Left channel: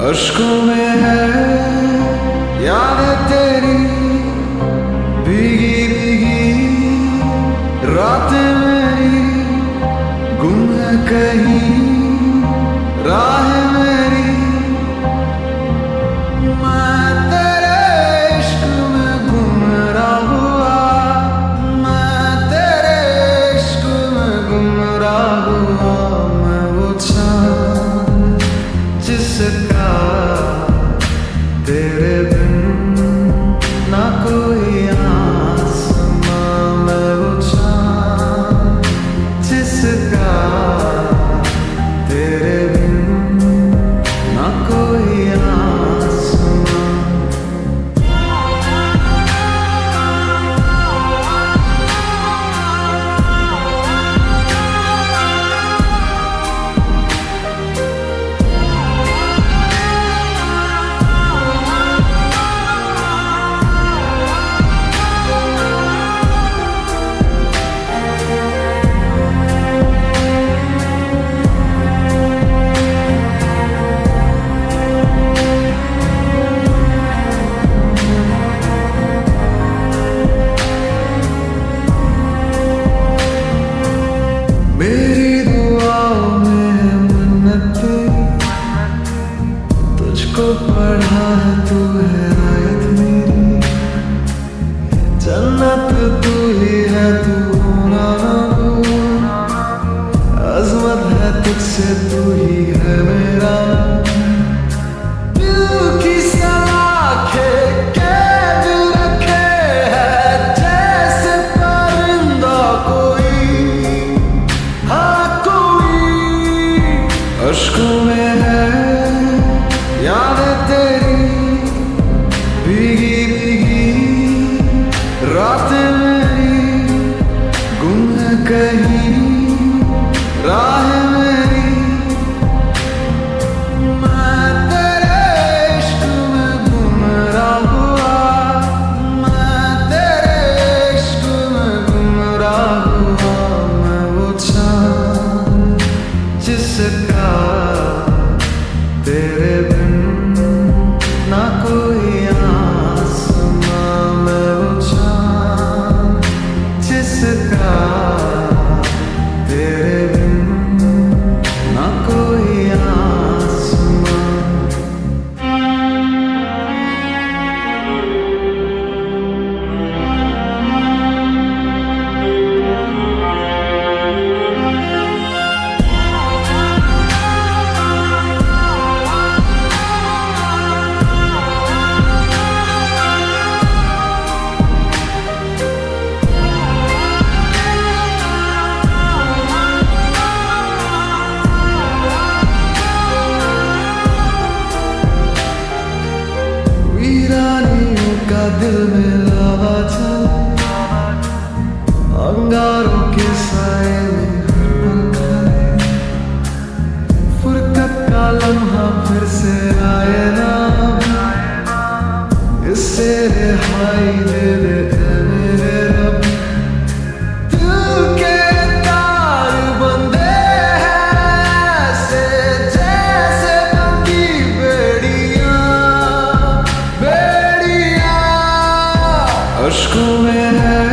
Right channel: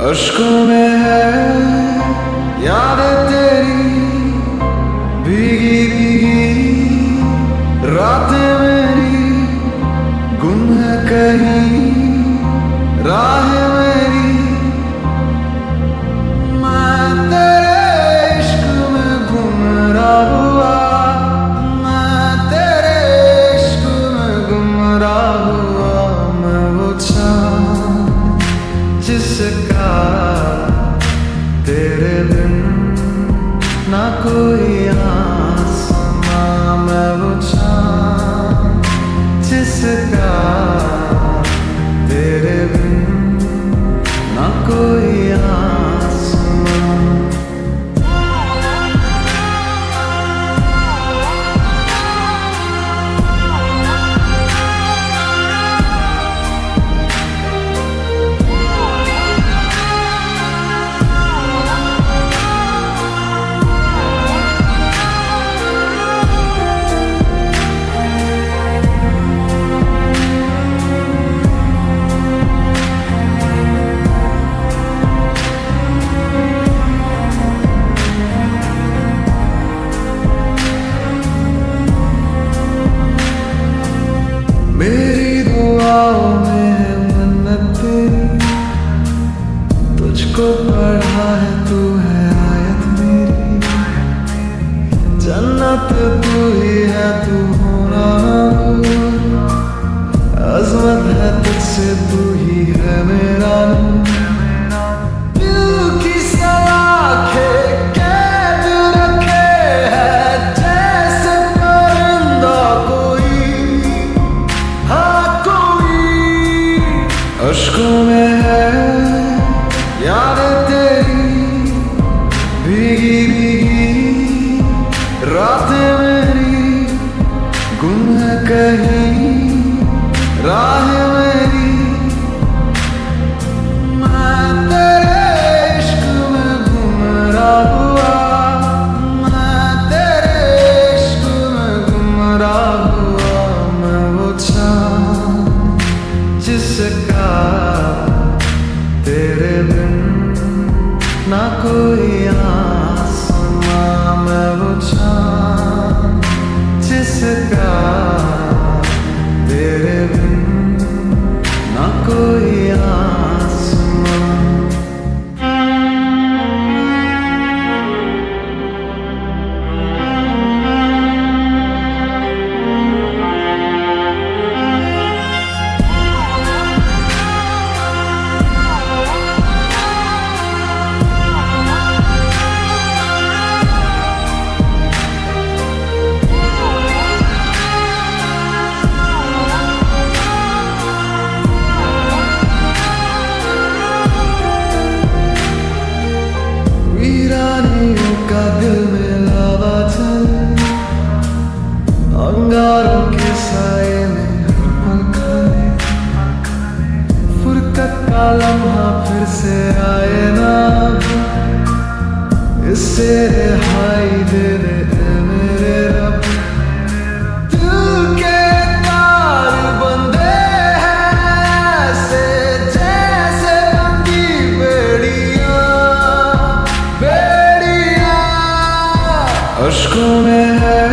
अश्कों में है यादें तेरी भीगी भीगी रातें मेरी गुम है कहीं राह मेरी। मैं तेरे इश्क में गुमराह हुआ, मैं तेरे इश्क में गुमराह हुआ। मैं वो चाँद जिसका तेरे बिन ना कोई आसमां। मैं वो चाँद जिसका तेरे बिन ना कोई आसमां। मेरी दुआओं में है मन्नत तेरी, तुझको पढ़ा है तू है आयत मेरी। जन्नत तू ही है तू होना ना दूर, अज़मत है तुझसे तू ही है मेरा नूर। दिल की सलाखें कैद रखे है जैसे परिंदा कोई, हाँ कोई। अश्कों में है यादें तेरी भीगी भीगी रातें मेरी गुम है कहीं राह मेरी। मैं तेरे इश्क में गुमराह हुआ, मैं तेरे इश्क में गुमराह हुआ। मैं वो चाँद जिसका तेरे बिन ना कोई आसमां। मैं वो चाँद जिसका तेरे बिन ना कोई आसमां। वीरानियों का दिल में लावा चले, अंगारों के साए में हर पल खाए। फुरकत का लम्हा फिर से आए ना, इससे रिहाई दे दे ऐ मेरे रब। दिल के तार बंधे हैं ऐसे जैसे बंदी बेड़ियां, अश्कों में है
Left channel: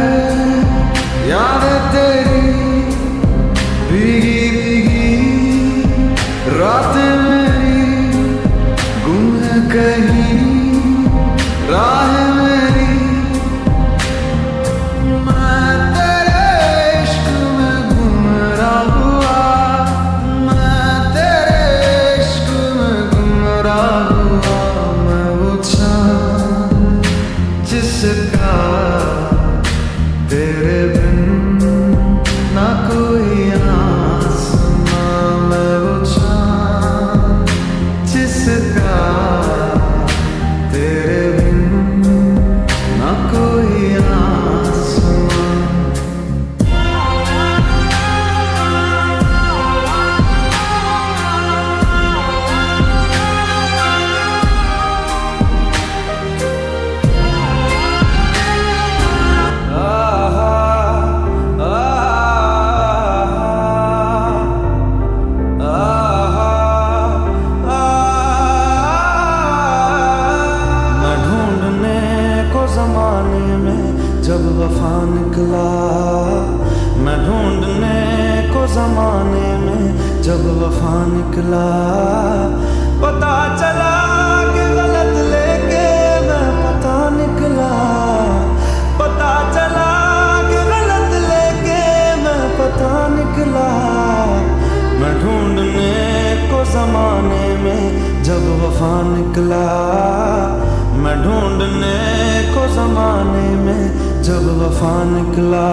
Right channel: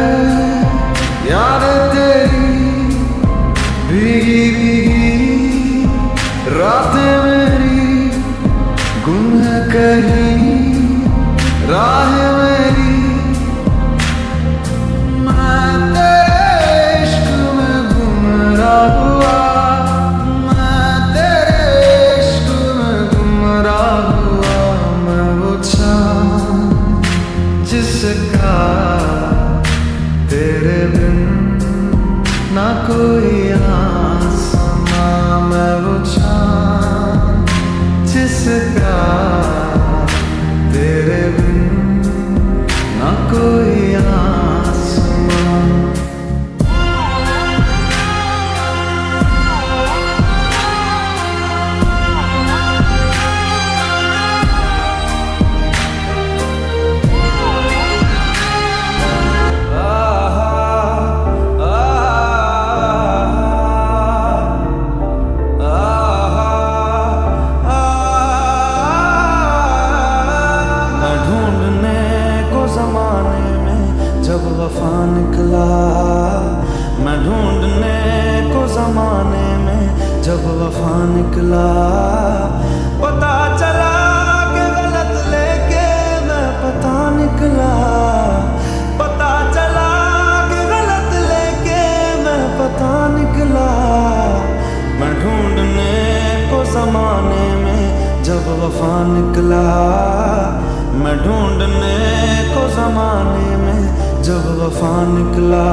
यादें तेरी भीगी भीगी रातें मेरी गुम है कहीं राह मेरी। मैं तेरे इश्क में गुमराह हुआ, मैं तेरे इश्क में गुमराह हुआ। मैं वो चाँद जिसका तेरे बिन ना कोई आसमां। मैं वो चाँद जिसका तेरे बिन ना कोई आसमां। जब वफा निकला। मैं ढूंढने को जमाने में जब वफा निकला। पता चला कि गलत लेके मैं पता निकला। पता चला कि गलत लेके मैं पता निकला। मैं ढूंढने को जमाने में जब वफा निकला। मैं ढूंढने को जमाने में जब वफा निकला।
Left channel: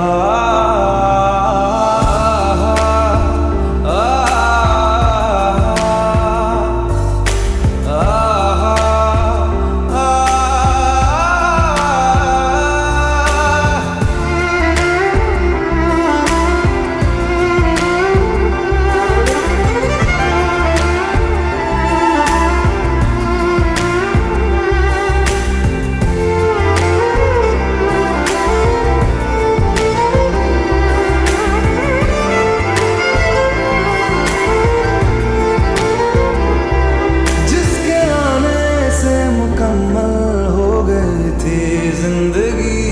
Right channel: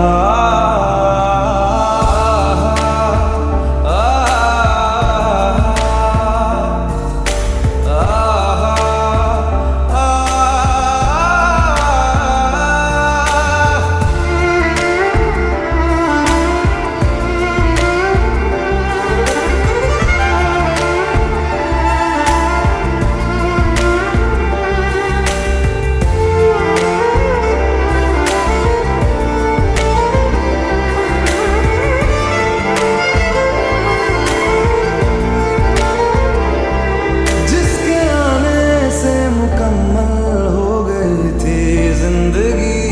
मुकम्मल हो गई थी जिंदगी,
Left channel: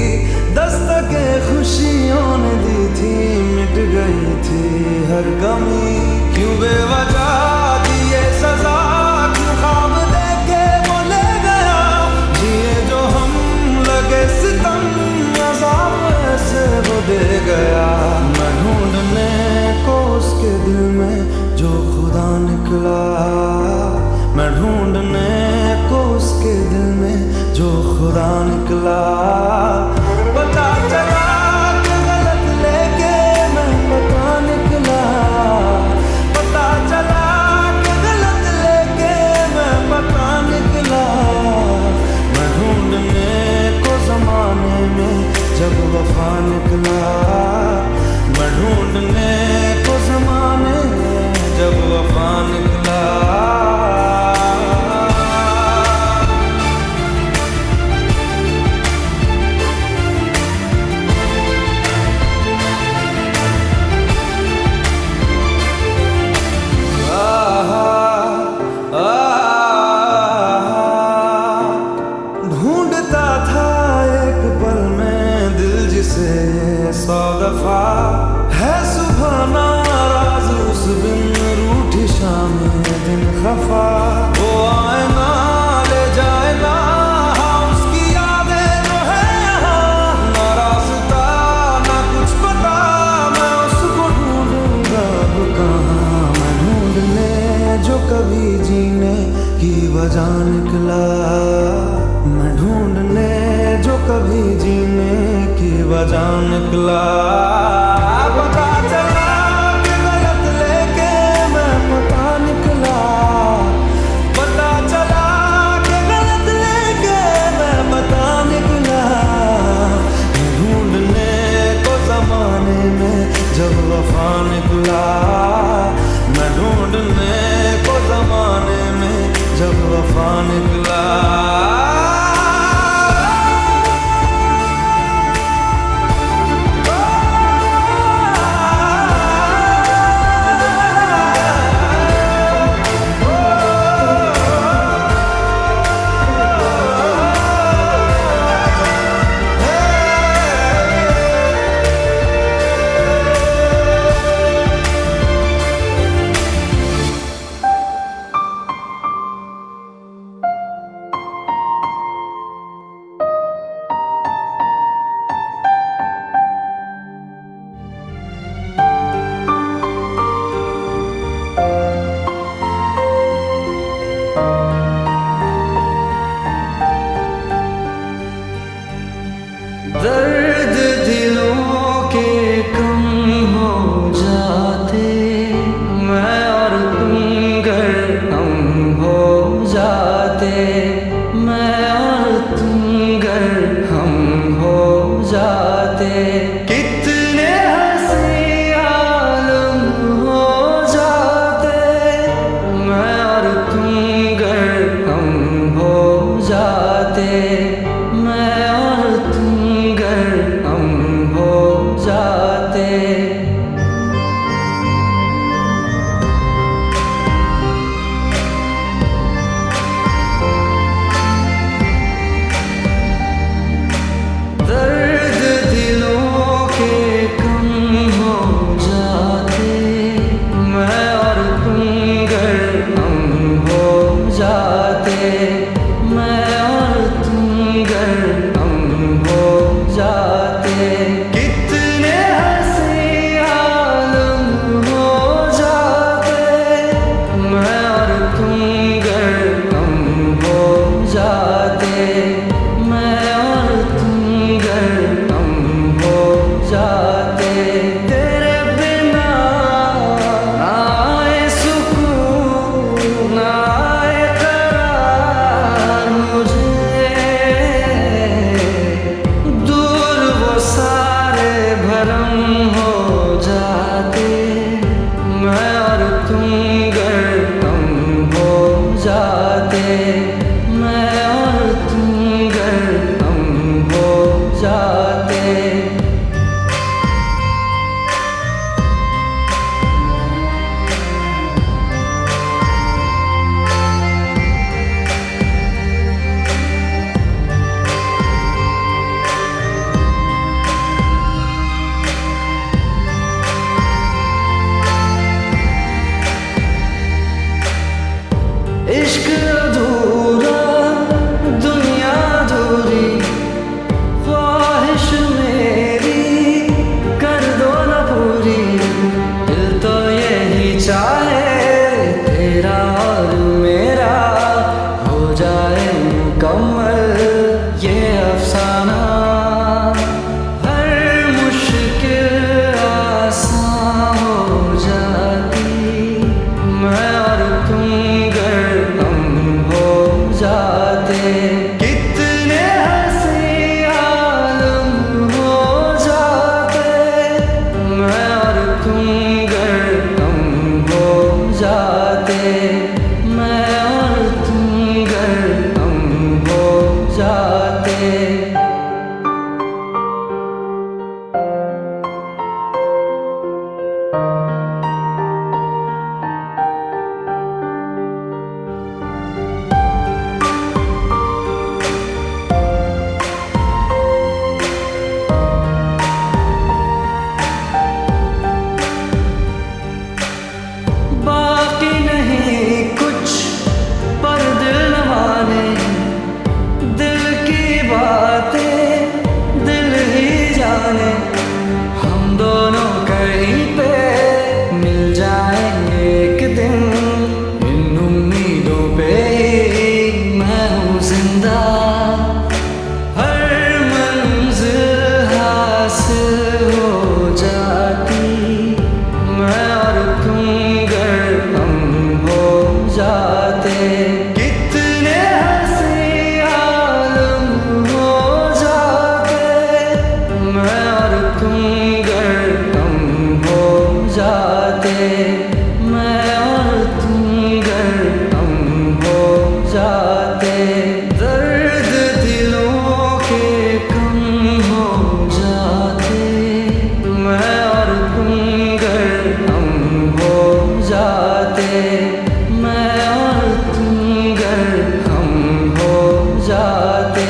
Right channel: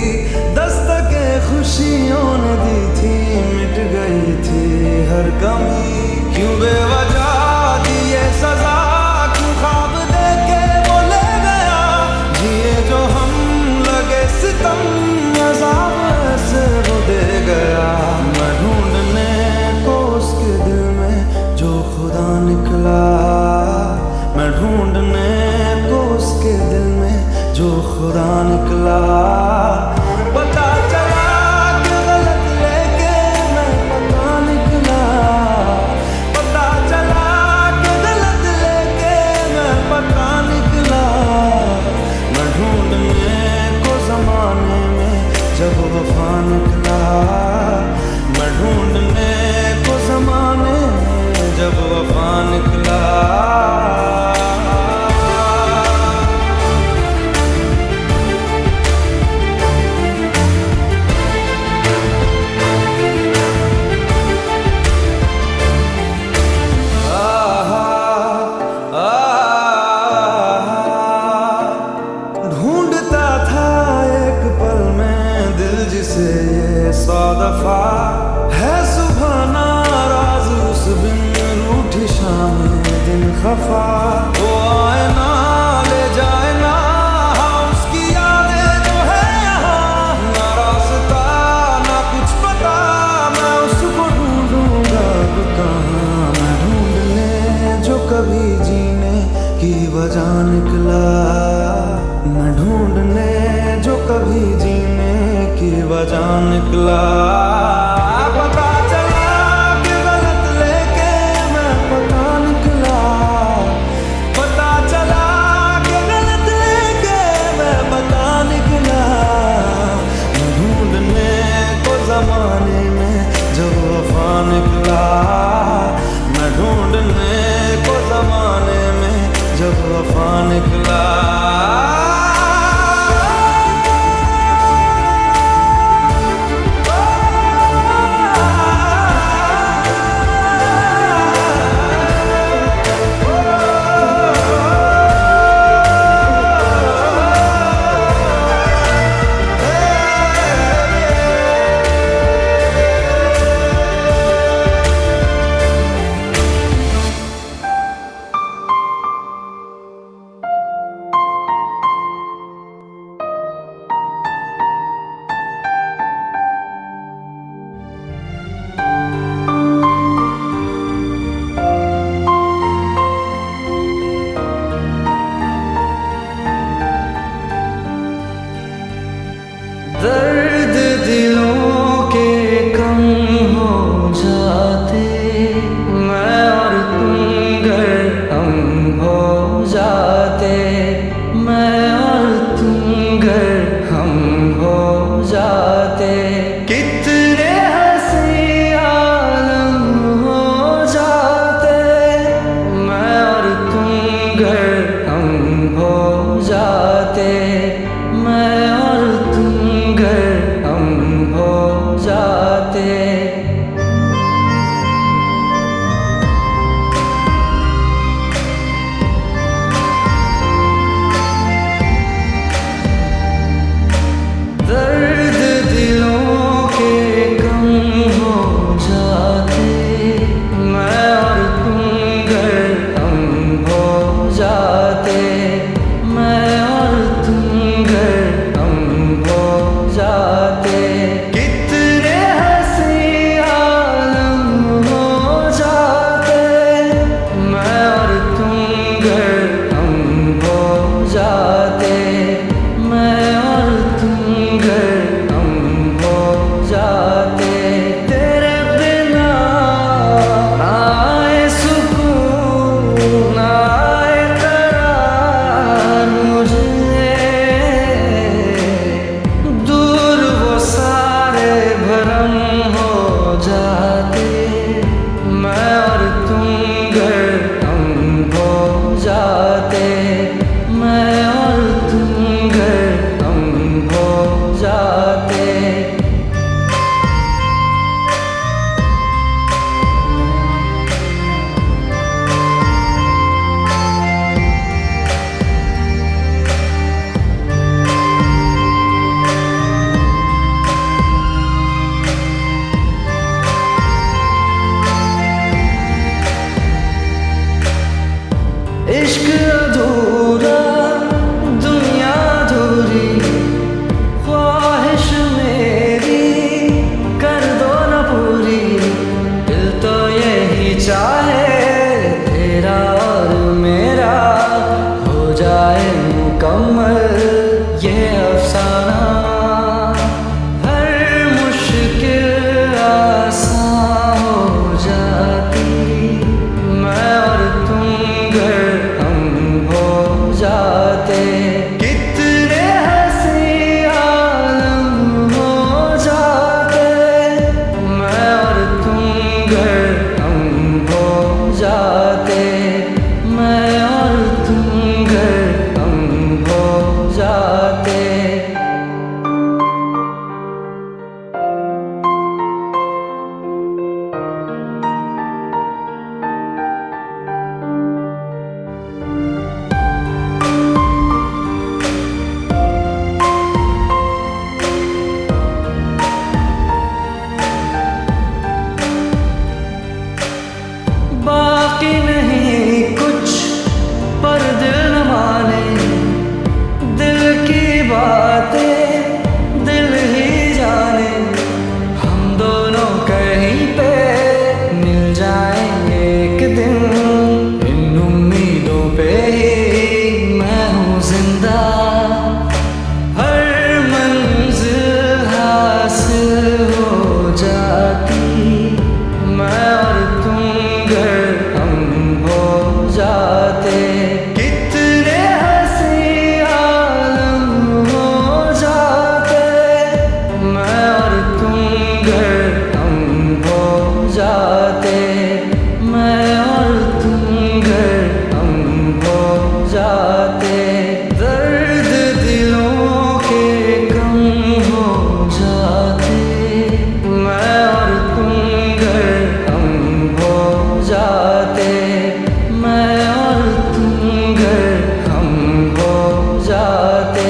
दस्तके खुशियों ने दी थी, मिट गई थी हर कमी। क्यों बेवजह दिए सजा, क्यों ख्वाब देके वो ले गया। जिए जो हम लगे सितम, अज़ाब ऐसे वो दे गया। मैं ढूंढने को उसके दिल में जो खुदा निकला। मैं ढूंढने को उसके दिल में जो खुदा निकला। पता चला कि गलत लेके मैं पता निकला। पता चला कि गलत लेके मैं पता निकला। मैं ढूंढने को जमाने में जब वफा निकला। मैं ढूंढने को जमाने में जब वफा निकला। ढूंढता था एक पल में दिल जिसे ये 100 दफा। है सुबह नाराज उस बिन रूठी शाम दिन खफा। वो आए ना ले जाए ना, हाँ उसकी यादें जो है यहाँ। ना रास्ता ना कुछ पता, मैं उसको ढूंढूंगा अब कहाँ। मैं ढूंढने जो कभी जीने की वजह निकला। मैं ढूंढने जो कभी जीने की वजह निकला। पता चला कि गलत लेके मैं पता निकला। पता चला कि गलत लेके मैं पता निकला। मैं ढूंढने को जमाने में जब वफा निकला। मैं ढूंढने को जमाने में जब वफा निकला। इश्क अधूरा दुनिया अधूरी, ख्वाहिश मेरी कर दो न पूरी। दिल तो यही चाहे तेरा और मेरा हो जाए मुकम्मल ये अफसाना। हर मुश्किल आसान हो जाती मैं और तुम गर हम हो जाते। कितने हंसी आलम हो जाते मैं और तुम गर हम हो जाते। मैं और तुम गर हम हो जाते। बाकी नहीं कुछ पर दिल न माने, दिल की बातें दिल ही जाने। हम दोनों कहीं पे मिल जाएंगे एक दिन, इन उम्मीदों पे ही मैं हूँ जिंदा। हर मंजिल हासिल हो जाती मैं और तुम गर हम हो जाते। कितने हंसी आलम हो जाते मैं और तुम गर हम हो जाते। मैं और तुम गर हम हो जाते। दर्द दिलों के कम हो जाते मैं और तुम गर हम हो जाते। मैं और तुम गर हम हो जाते।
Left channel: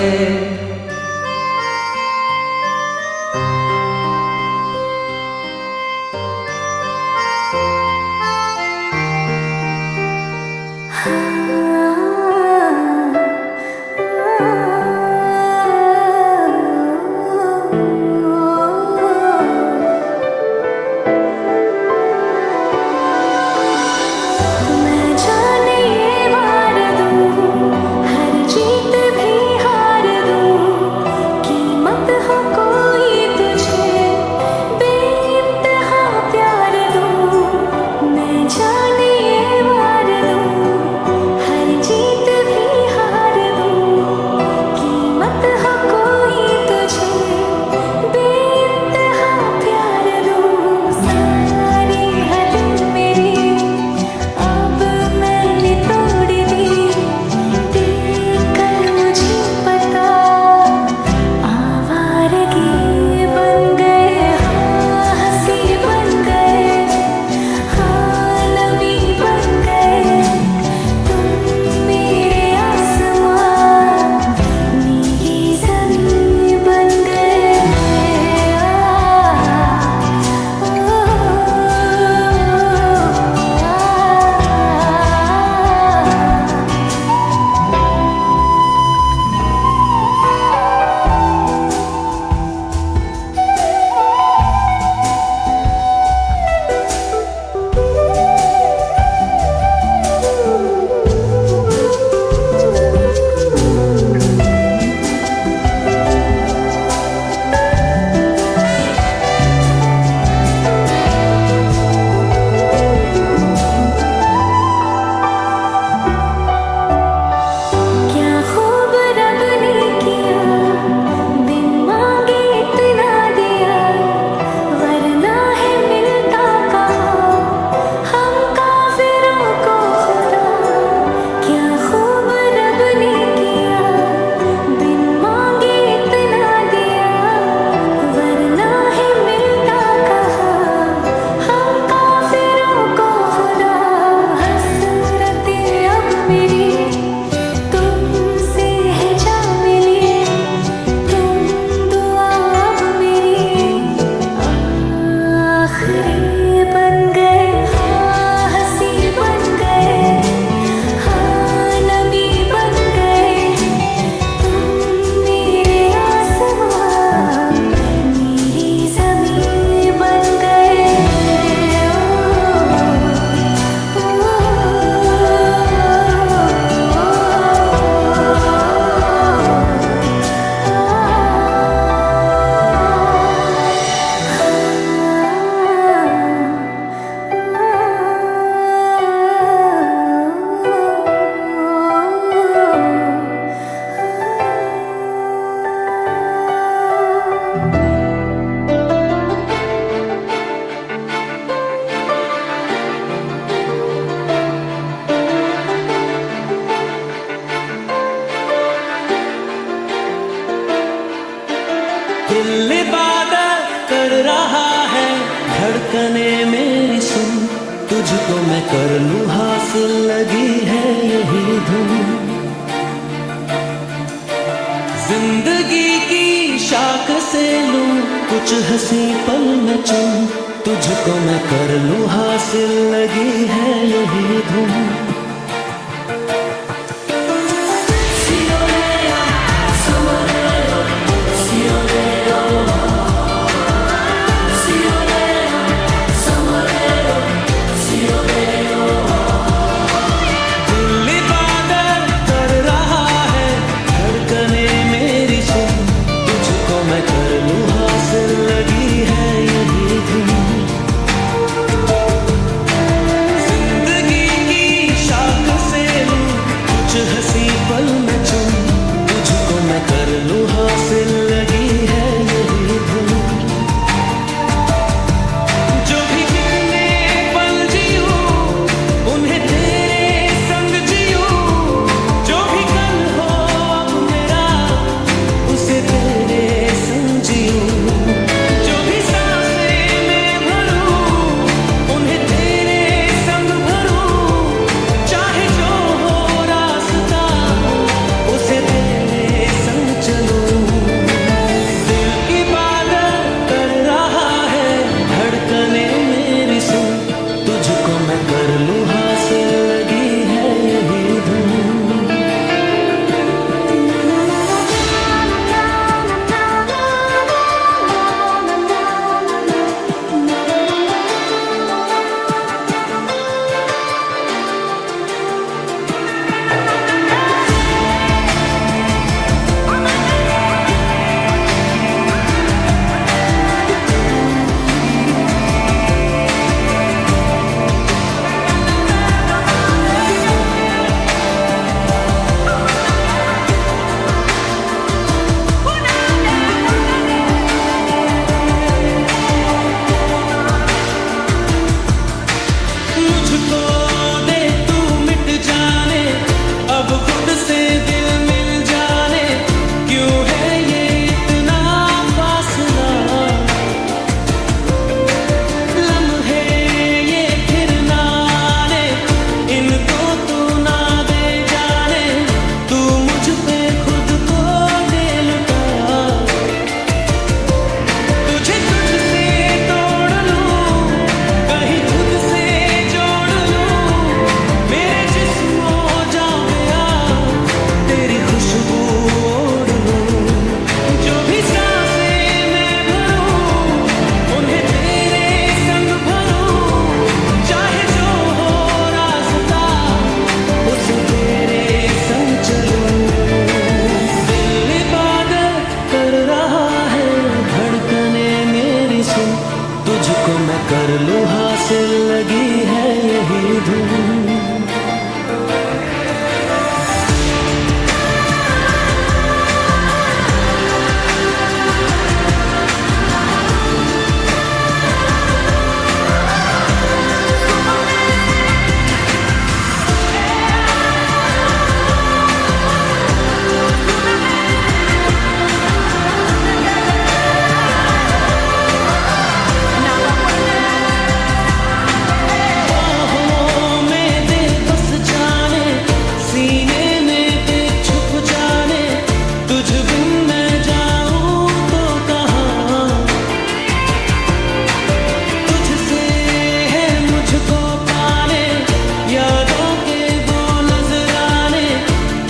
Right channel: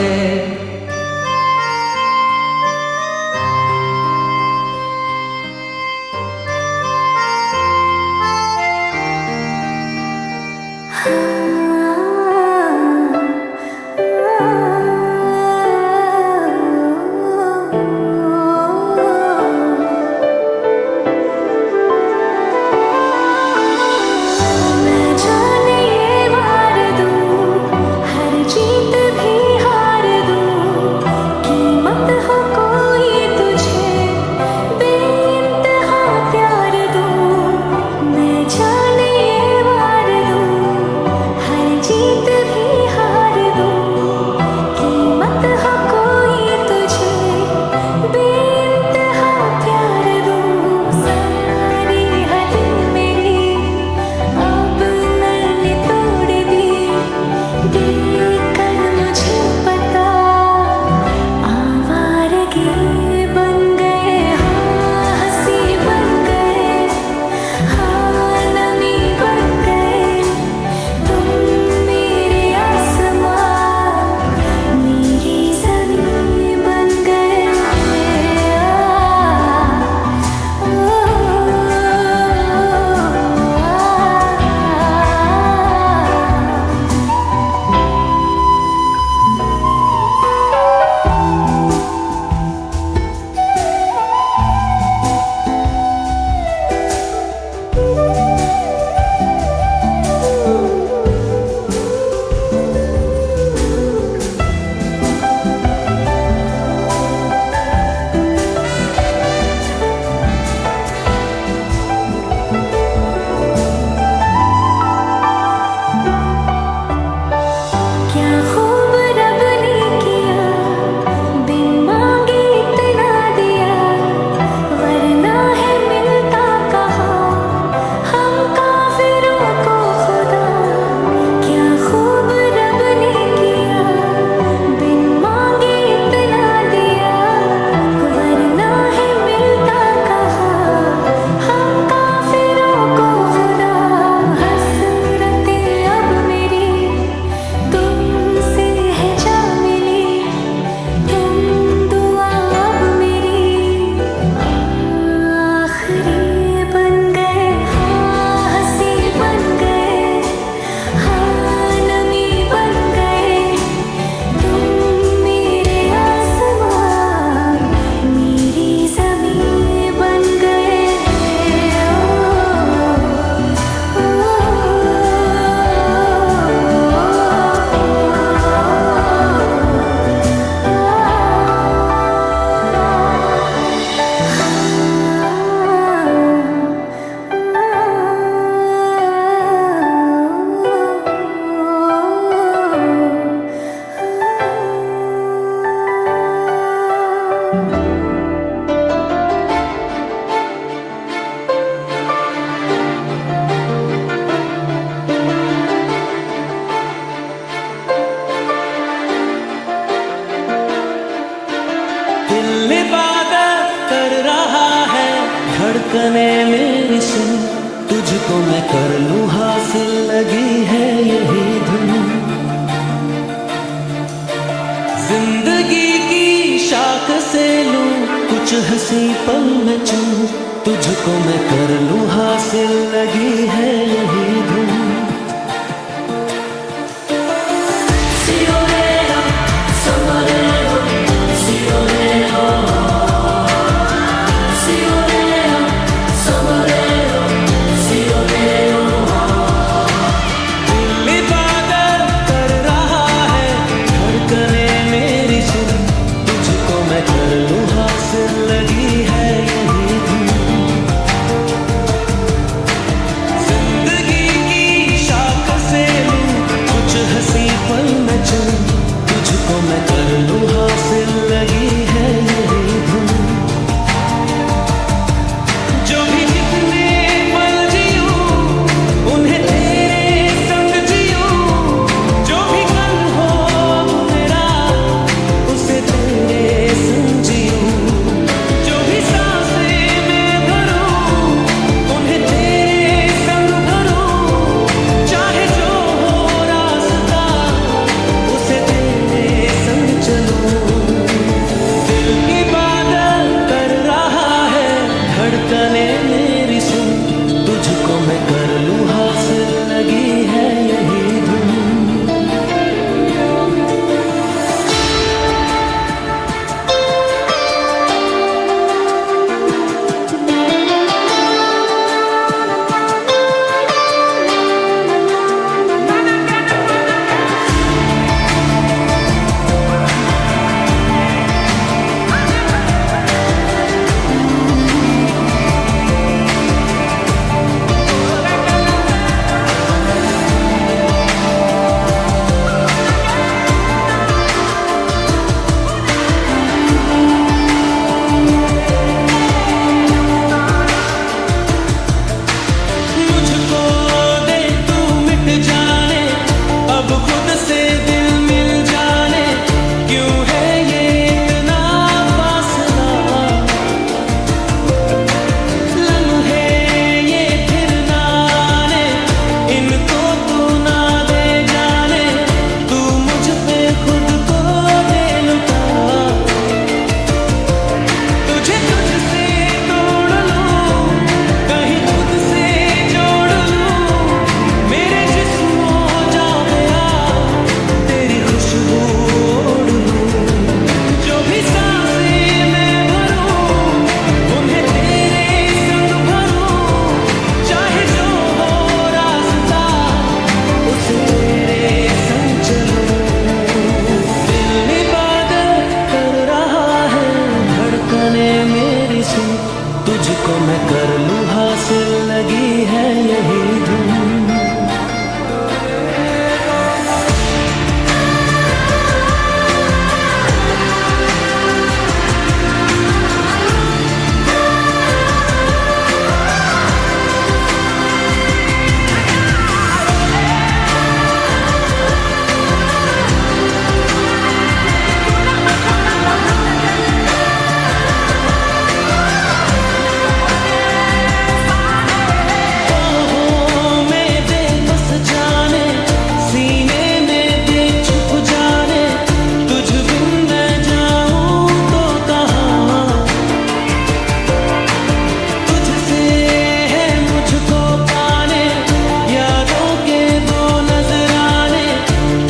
मैं जाने ये वार दूं, हर जीत भी हार दूं, कीमत हो कोई तुझे बेइंतहा प्यार दूं। मैं जाने ये वार दूं, हर जीत भी हार दूं, कीमत हो कोई तुझे बेइंतहा प्यार दूं। सारी हद मेरी अब मैंने तोड़ दी, देखकर मुझे पता आवारगी बन गए। हाँ हंसी बन गए, हाँ नमी बन गए, तुम मेरे आसमां मेरी ज़मीं बन गए। क्या खूब रब ने किया, बिन मांगे इतना दिया, वरना है मिलता कहाँ हम काफिरों को खुदा। क्या खूब रब ने किया, बिन मांगे इतना दिया, वरना है मिलता कहाँ हम काफिरों को खुदा। हसरतें अब मेरी तुमसे है जा मिली, तुम दुआ अब मेरी आखिरी बन गए। हाँ हंसी बन गए, हाँ धड़कने मेरी सुन, तुझको मैं कर लूं हासिल, लगी है यही धुन। जिंदगी की शाख से लूं कुछ हंसी पल में चुन, तुझको मैं कर लूं हासिल, लगी है यही धुन। मैं कर लूं हासिल, लगी है यही धुन। जिंदगी की शाख से लूं कुछ हंसी पल में चुन, तुझको मैं कर लूं हासिल, लगी है यही धुन। जो भी जितने पल जियूं उन्हें तेरे संग जियूं, जो भी कल हो अब मेरा उसे तेरे जो भी सांसें मैं भरूं उन्हें तेरे संग भरूं, चाहे जो हो रास्ता उसे तेरे संग चलूं। दिल इबादत कर रहा है, धड़कने मेरी सुन, तुझको मैं कर लूं हासिल, लगी है यही धुन। तुझको मैं कर लूं हासिल, लगी है यही धुन।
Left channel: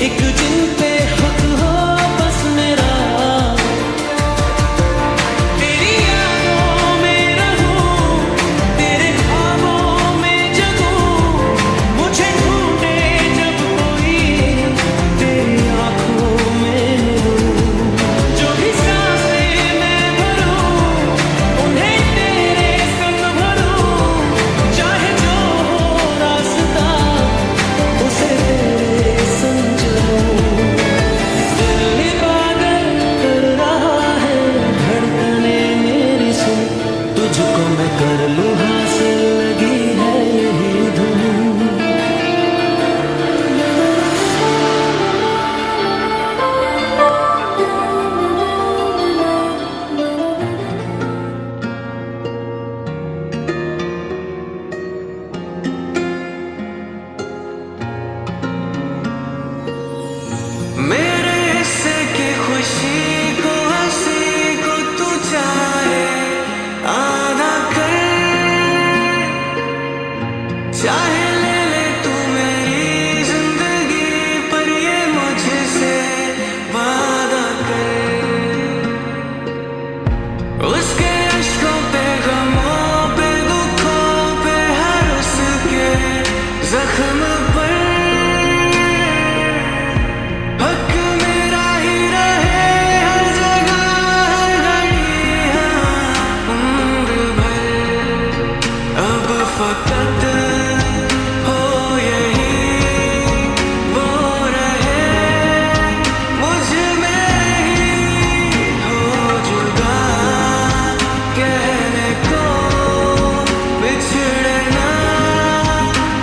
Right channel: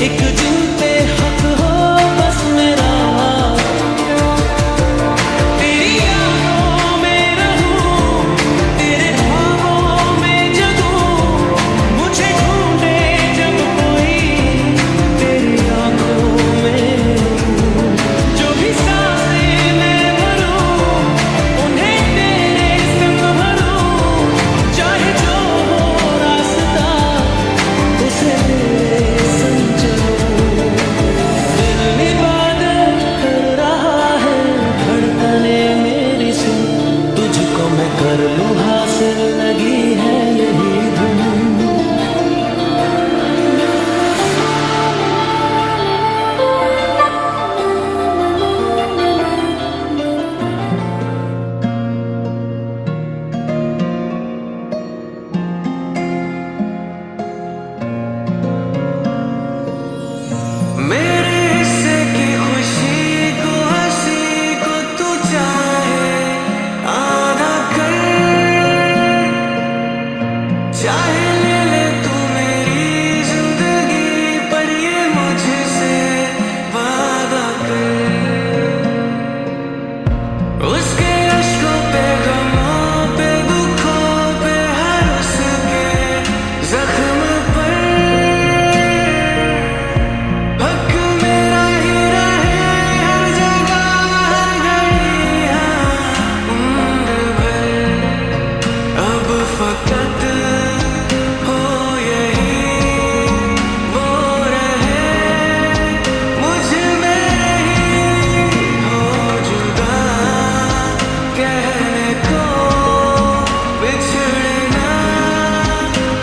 एक जिन पे हक हो बस मेरा, तेरी यादों में रहूं, तेरे ख्वाबों में जगूं, मुझे ढूंढे जब कोई तेरी आंखों में मिलूं। जो भी सांसें मैं भरूं उन्हें तेरे संग भरूं, चाहे जो हो रास्ता उसे तेरे संग चलूं। दिल इबादत कर रहा है, धड़कने मेरी सुन, तुझको मैं कर लूं हासिल, लगी है यही धुन। चाहे ले ले तू मेरी जिंदगी, पर ये मुझसे वादा कर, उसके अश्कों पे, गमों पे, दुखों पे, हर उसके जख्म पर हक मेरा ही रहे, हर जगह हर घड़ी, हाँ उम्र भर। अब फकत हो यही वो रहे, मुझ में ही हो जुदा, कहने को बिछड़े ना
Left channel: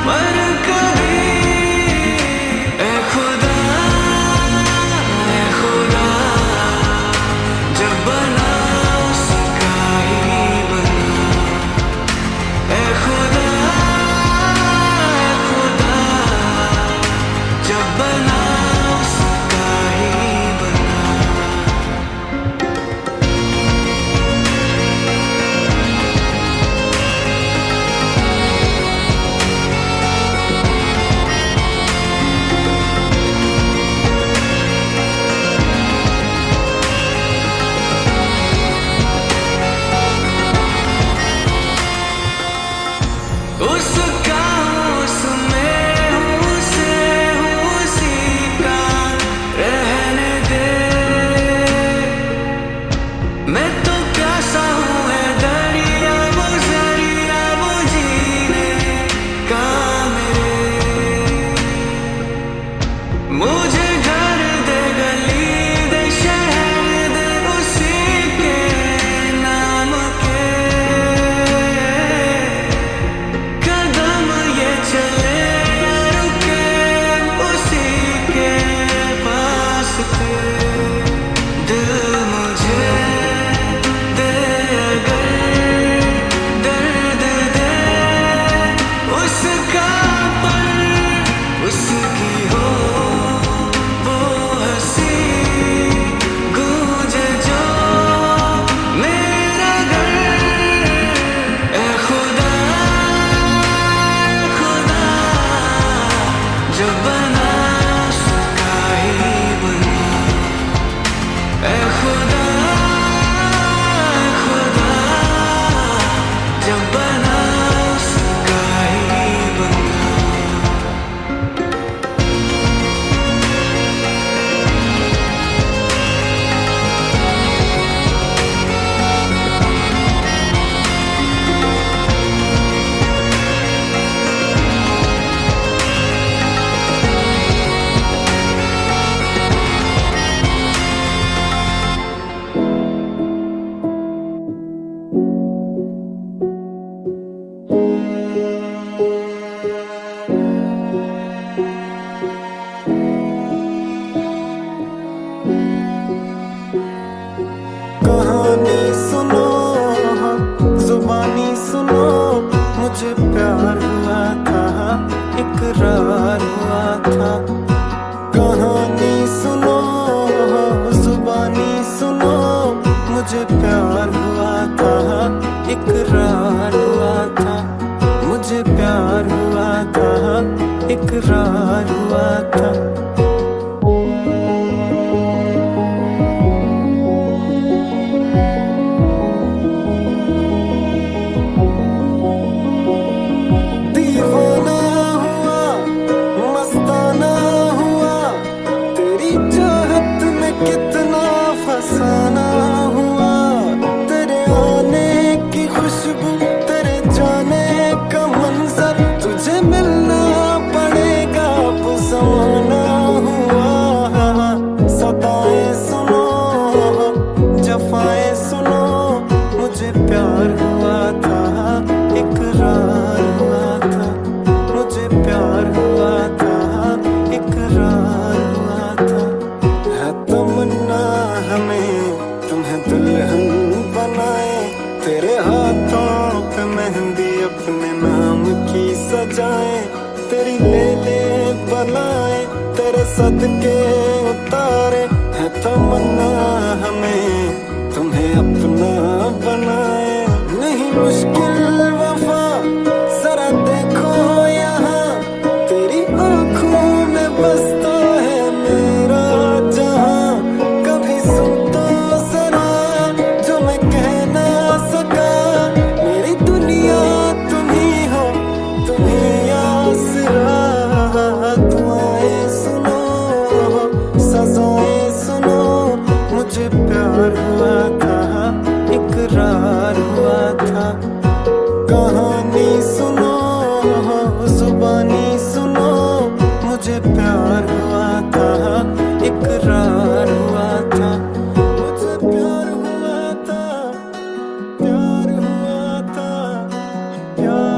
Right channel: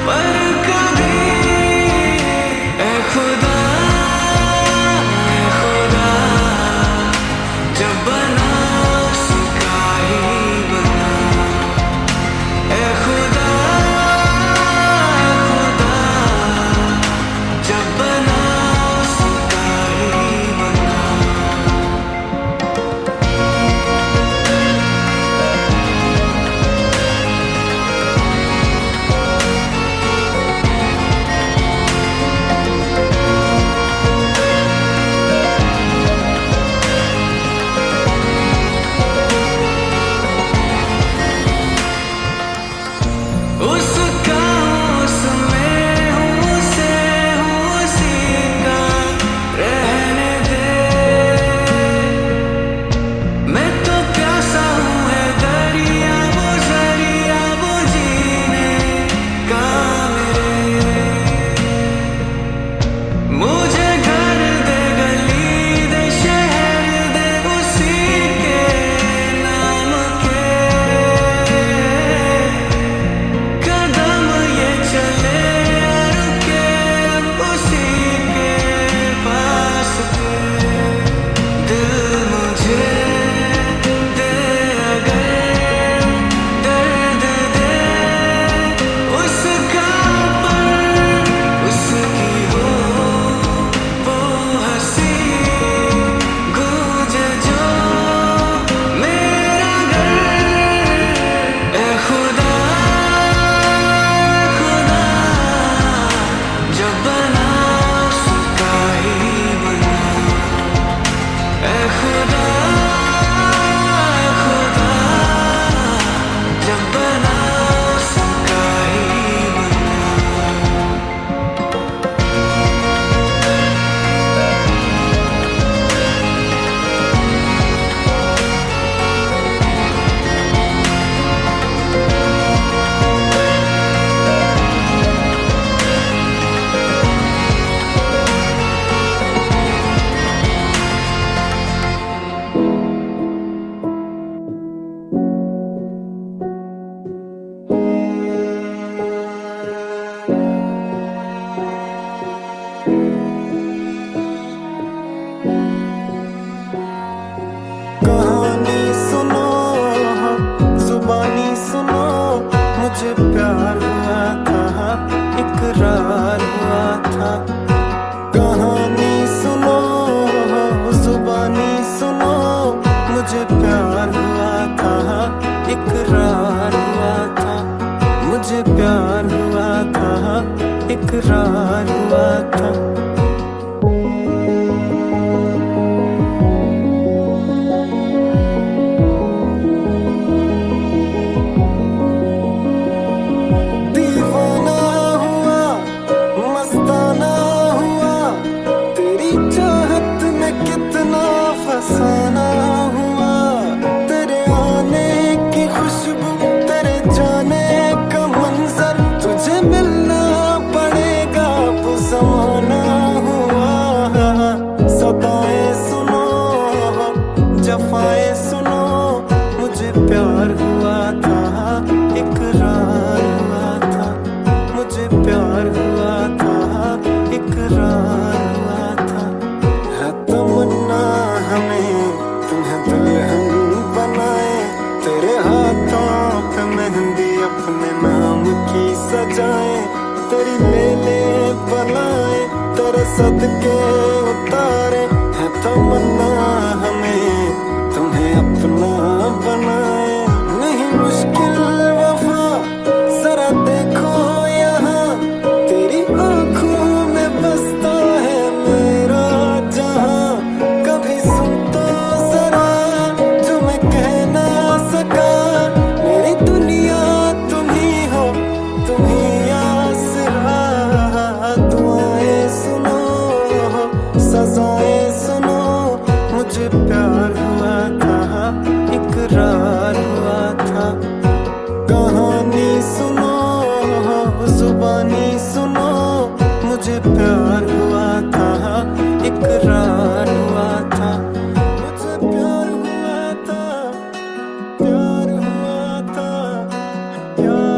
पर कभी। ए खुदा जब बना उसका ही बना। ए खुदा जब बना उसका ही बना। उसका हूँ, उसमें हूँ, उसे हूँ, उसी का रहने दे। मैं तो प्यासा हूँ, है दरिया वो जरिया, वो जीने का मेरे। मुझे घर दे, गली दे, शहर दे, उसी के नाम के। कदम ये चले या रुके, उसी के पास थे। दिल मुझे दे अगर दर्द दे, उसका पर उसकी हो वो हंसी, गूंजे जो मेरा घर। ए खुदा जब बना उसका ही बना। ए खुदा जब बना उसका ही बना। कहानी सुनो, जुबानी सुनो, मुझे प्यार हुआ था, इकरार हुआ था। कहानी सुनो, जुबानी सुनो, मुझे प्यार हुआ था, इकरार हुआ था। मुझे प्यार हुआ था, इकरार हुआ था। दीवाना हुआ, मस्ताना हुआ, तेरी चाहत में कितना फसाना हुआ। तेरे आने की खुशबू, तेरे जाने का मंजर, तुझे मिलना पड़ेगा वो ज़माना हुआ। सदाएं सुनो, जफाएं सुनो, मुझे प्यार हुआ था, इकरार हुआ था। मुझे प्यार हुआ था, इकरार हुआ था। है तमन्ना हमें तुम्हें दुल्हन बनाए, तेरे हाथों पे मेहंदी अपने नाम की सजाए। तेरी ले ले बनाए, तेरे सदके उतारे। है तमन्ना हमें तुम्हें अपना बनाए। नहीं मुश्किल वफा, जरा देखो मुझे प्यार हुआ था, इकरार हुआ था। कहानी सुनो, जुबानी सुनो, मुझे प्यार हुआ था, इकरार हुआ था। मुझे प्यार हुआ था, प्यार हुआ था, प्यार